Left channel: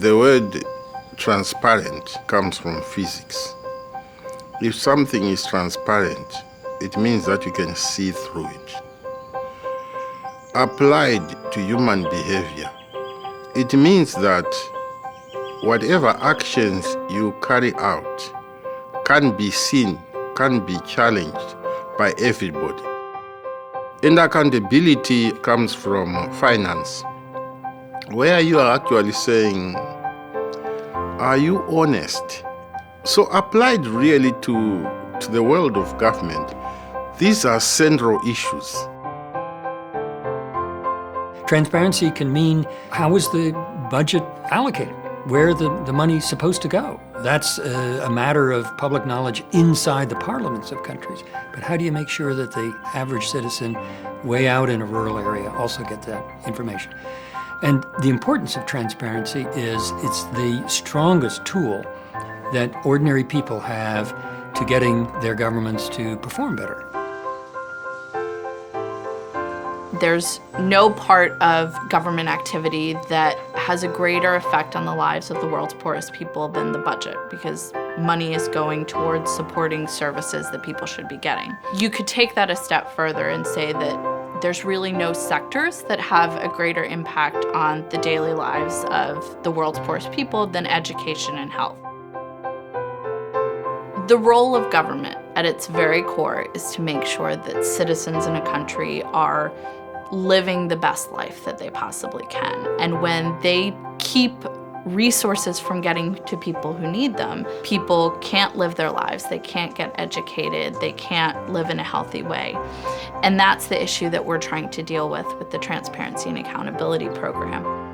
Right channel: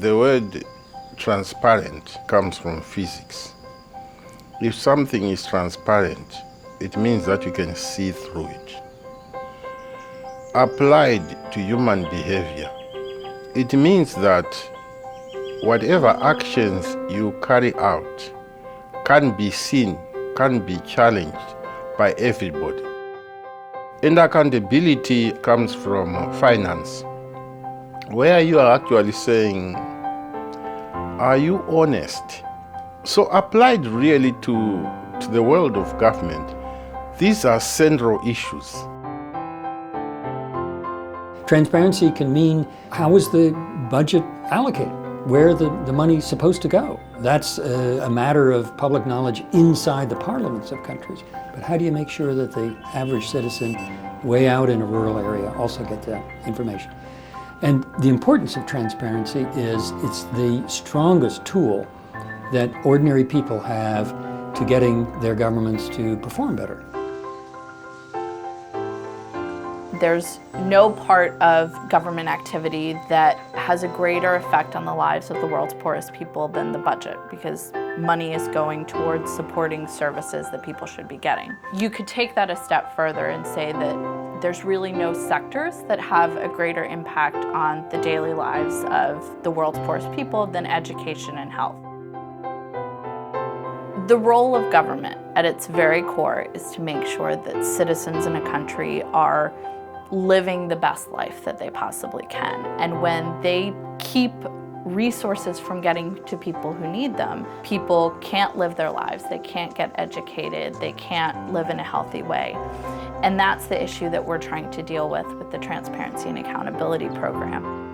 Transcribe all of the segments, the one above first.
The word transparent comes from physics. If something is transparent, it means that you can see through it. Applied to human behavior, it means that whatever actions you carry out can be seen, can be challenged by everybody. And accountability comes from finance, where you are actually saying, are you honest? So applied really to the world of government, these are central issues. Transparency can mean, how is the budget allocated? Where the money's supposed to go? That's a matter of public knowledge inside the parliaments of countries. But how do you make sure that the average citizen way out in a rural area also get that information? And the importance of transparency is it's the strongest tool that ordinary people have to getting their governments to perform better. There's no part of government activity that has a greater effect on the lives of the world's poorest people than the budget, because money is going towards supporting services that people should be getting. You could take that a step further and say that there's really no sectors that have a greater impact on the daily lives of the world's poorest people than education and health. The role of government at its very core is to make sure that citizens in a country are living the best life that they possibly can. And when they keep resources from getting to people who need them, people can't live their lives, they can't get educated, they can't live in a healthy way. And that's the issue that we're trying to deal with the Transparency and Accountability Program.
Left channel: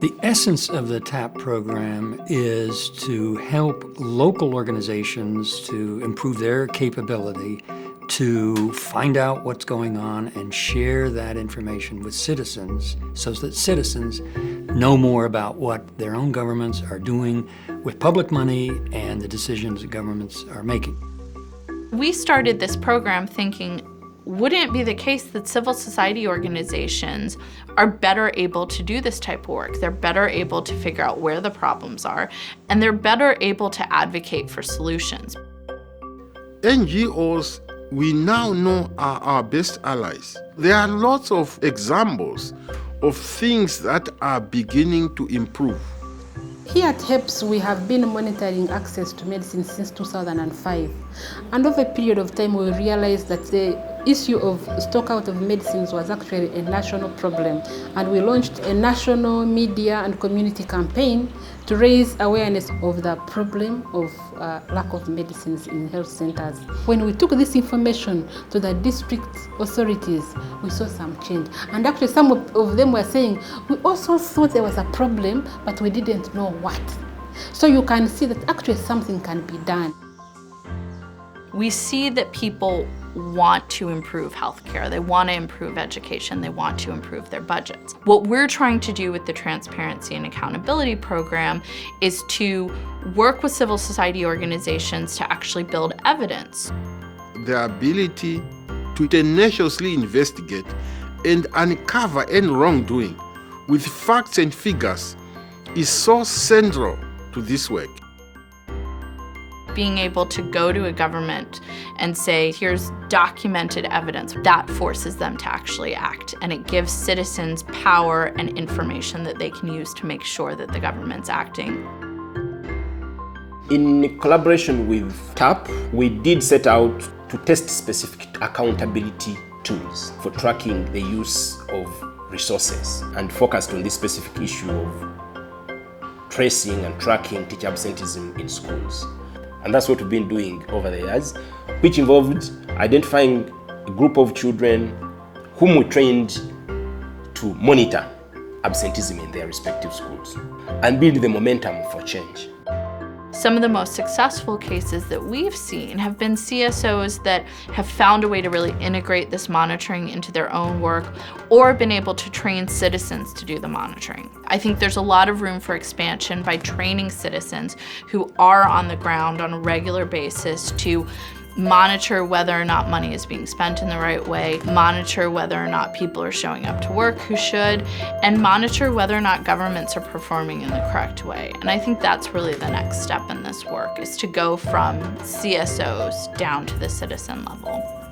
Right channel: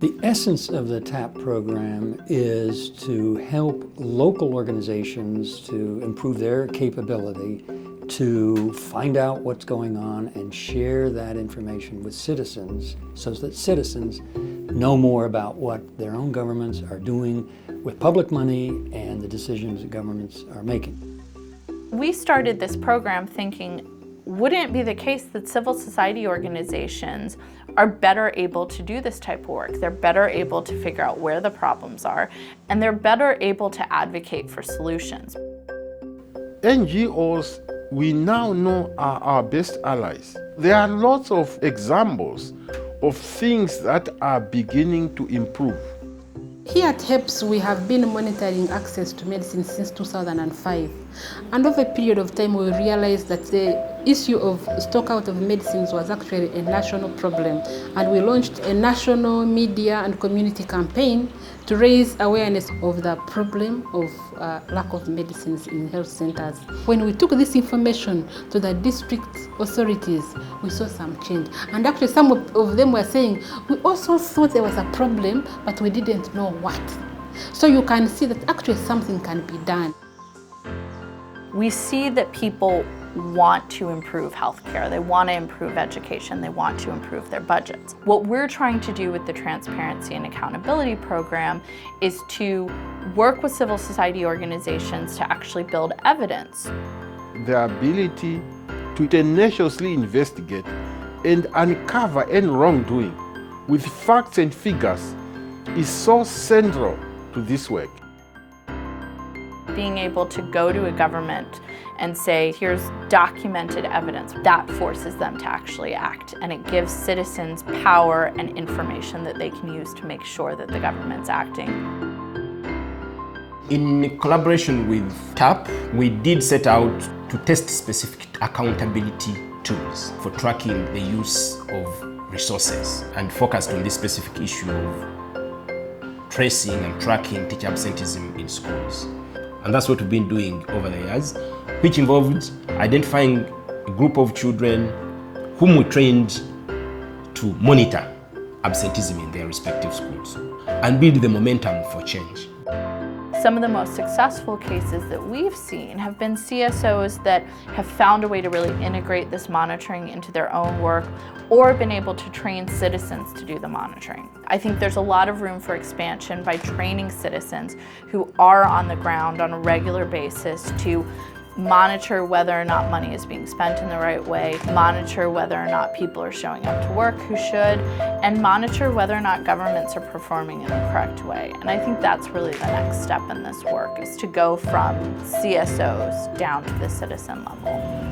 The essence of the TAP program is to help local organizations to improve their capability to find out what's going on and share that information with citizens so that citizens know more about what their own governments are doing with public money and the decisions that governments are making. We started this program thinking, wouldn't it be the case that civil society organizations are better able to do this type of work? They're better able to figure out where the problems are, and they're better able to advocate for solutions. NGOs, we now know, are our best allies. There are lots of examples of things that are beginning to improve. Here at HEPS, we have been monitoring access to medicine since 2005. And over a period of time, we realized that the issue of stock out of medicines was actually a national problem. And we launched a national media and community campaign to raise awareness of the problem of lack of medicines in health centers. When we took this information to the district authorities, we saw some change. And actually some of them were saying, we also thought there was a problem, but we didn't know what. So you can see that actually something can be done. We see that people want to improve healthcare, they want to improve education, they want to improve their budgets. What we're trying to do with the Transparency and Accountability Program is to work with civil society organizations to actually build evidence. The ability to tenaciously investigate and uncover any wrongdoing with facts and figures is so central to this work. Being able to go to a government and say, here's documented evidence, that forces them to actually act. And it gives citizens power and information that they can use to make sure that the government's acting. In collaboration with TAP, we did set out to test specific accountability tools for tracking the use of resources and focused on this specific issue of tracing and tracking teacher absenteeism in schools. And that's what we've been doing over the years, which involved identifying a group of children whom we trained to monitor absenteeism in their respective schools and build the momentum for change. Some of the most successful cases that we've seen have been CSOs that have found a way to really integrate this monitoring into their own work or been able to train citizens to do the monitoring. I think there's a lot of room for expansion by training citizens who are on the ground on a regular basis to monitor whether or not money is being spent in the right way, monitor whether or not people are showing up to work who should, and monitor whether or not governments are performing in the correct way. And I think that's really the next step in this work, is to go from CSOs down to the citizen level.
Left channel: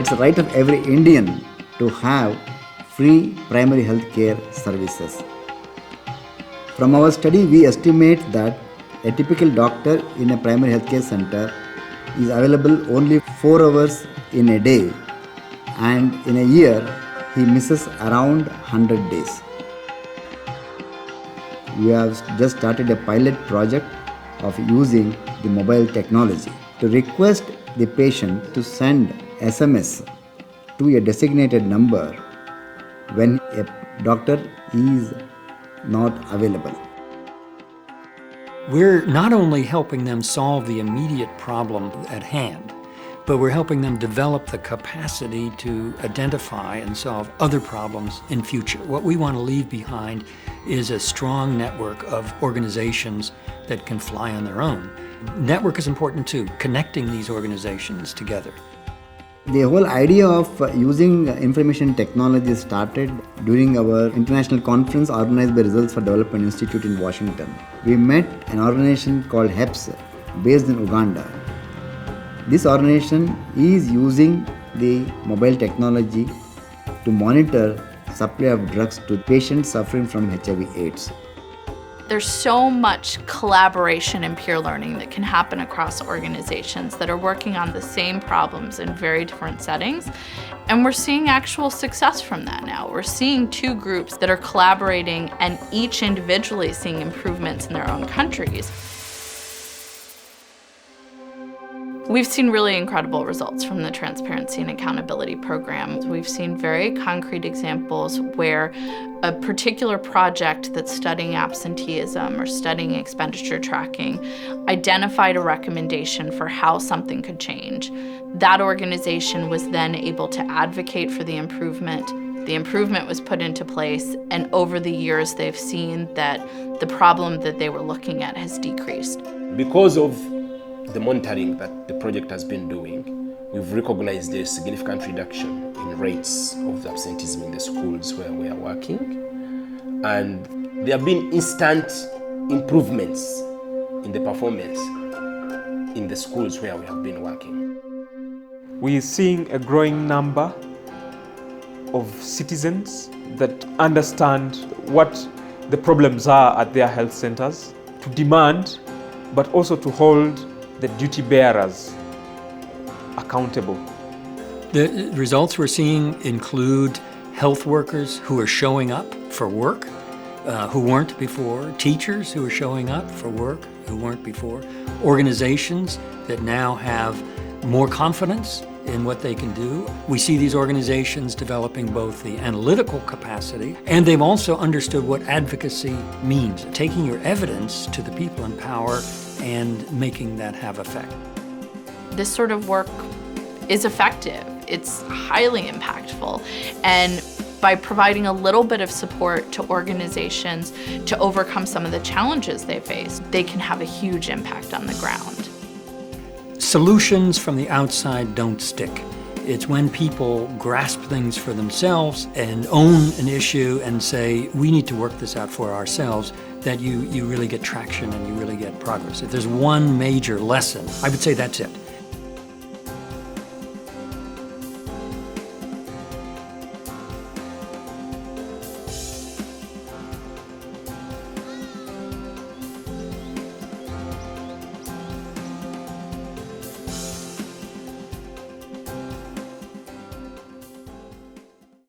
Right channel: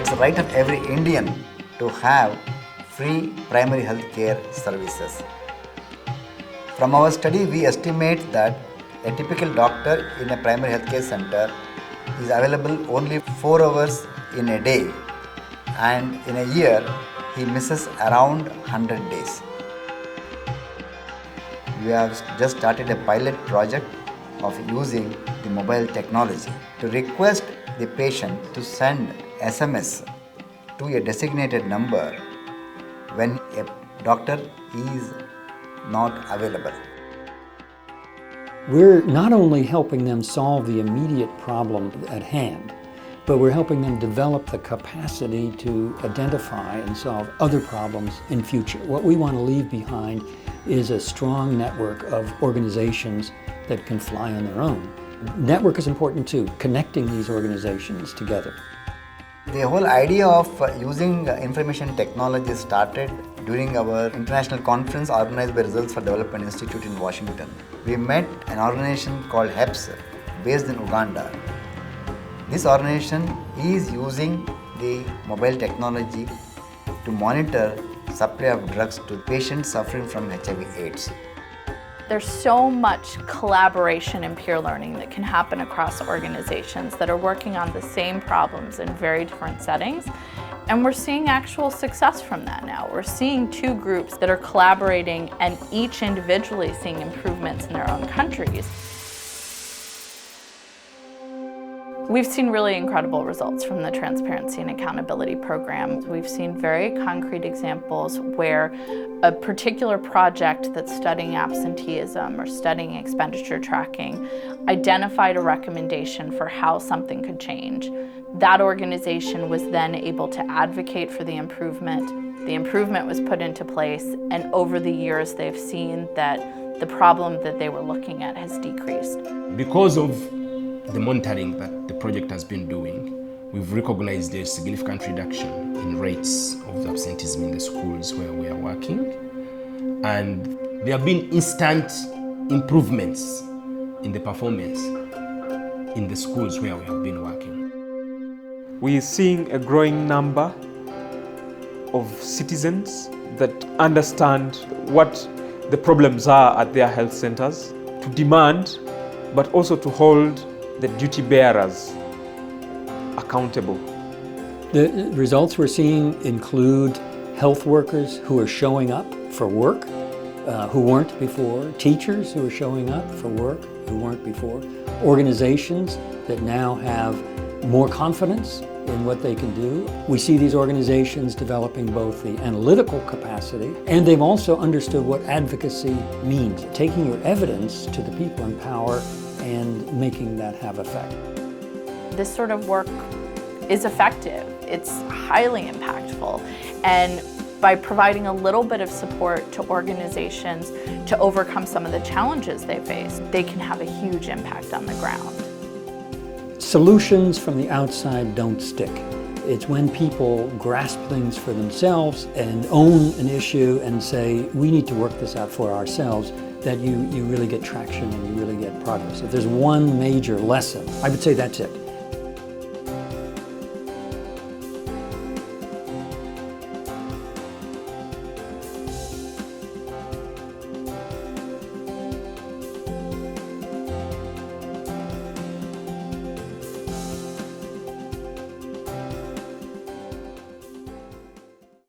It's the right of every Indian to have free primary health care services. From our study, we estimate that a typical doctor in a primary health care center is available only 4 hours in a day, and in a year, he misses around 100 days. We have just started a pilot project of using the mobile technology to request the patient to send SMS to a designated number when a doctor is not available. We're not only helping them solve the immediate problem at hand, but we're helping them develop the capacity to identify and solve other problems in future. What we want to leave behind is a strong network of organizations that can fly on their own. Network is important too, connecting these organizations together. The whole idea of using information technology started during our international conference organized by Results for Development Institute in Washington. We met an organization called HEPS based in Uganda. This organization is using the mobile technology to monitor supply of drugs to patients suffering from HIV/AIDS. There's so much collaboration and peer learning that can happen across organizations that are working on the same problems in very different settings. And we're seeing actual success from that now. We're seeing 2 groups that are collaborating and each individually seeing improvements in their own countries. We've seen really incredible results from the Transparency and Accountability Program. We've seen very concrete examples where a particular project that's studying absenteeism or studying expenditure tracking identified a recommendation for how something could change. That organization was then able to advocate for the improvement. The improvement was put into place, and over the years they've seen that the problem that they were looking at has decreased. Because of the monitoring that the project has been doing, we've recognized a significant reduction in rates of absenteeism in the schools where we are working. And there have been instant improvements in the performance in the schools where we have been working. We're seeing a growing number of citizens that understand what the problems are at their health centers, to demand, but also to hold the duty bearers accountable. The results we're seeing include health workers who are showing up for work, who weren't before, teachers who are showing up for work, who weren't before, organizations that now have more confidence in what they can do. We see these organizations developing both the analytical capacity, and they've also understood what advocacy means, taking your evidence to the people in power and making that have effect. This sort of work is effective. It's highly impactful. And by providing a little bit of support to organizations to overcome some of the challenges they face, they can have a huge impact on the ground. Solutions from the outside don't stick. It's when people grasp things for themselves and own an issue and say, we need to work this out for ourselves, that you really get traction and you really get progress. If there's one major lesson, I would say that's it.